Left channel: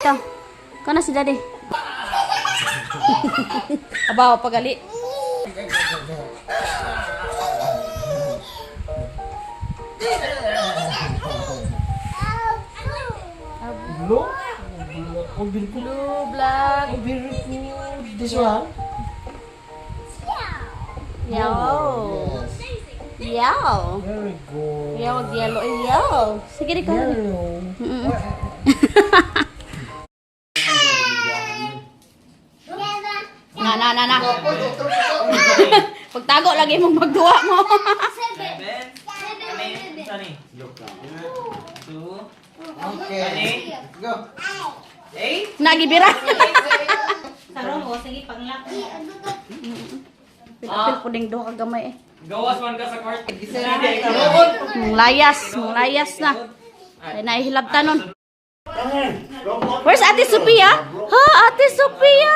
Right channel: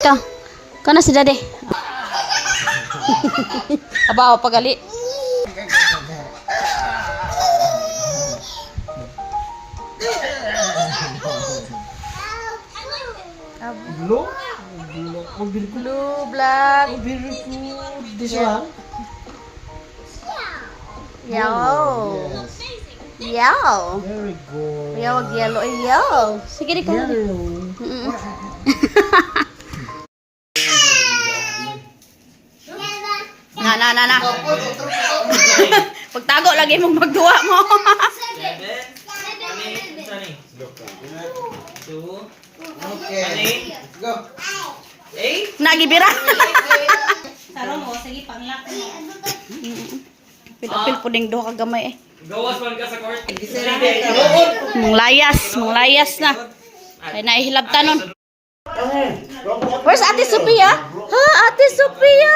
Ka. Kana si Daddy. Abaw pagali. Blue black. This one? Yellow. Yellow. Very good. Yellow. Yellow. Sige di ka. Yellow. Na. Pagtago lagi mong magduwa mo. Okay. Go. Nagibira. Sarong mo, sige panglak mo. Pil puding do ka gamay eh. Gawas man ka sa court. Manglayas na. Ay nahihilabta nun. Where's Ate Sophia? Ha, Ate Sophia!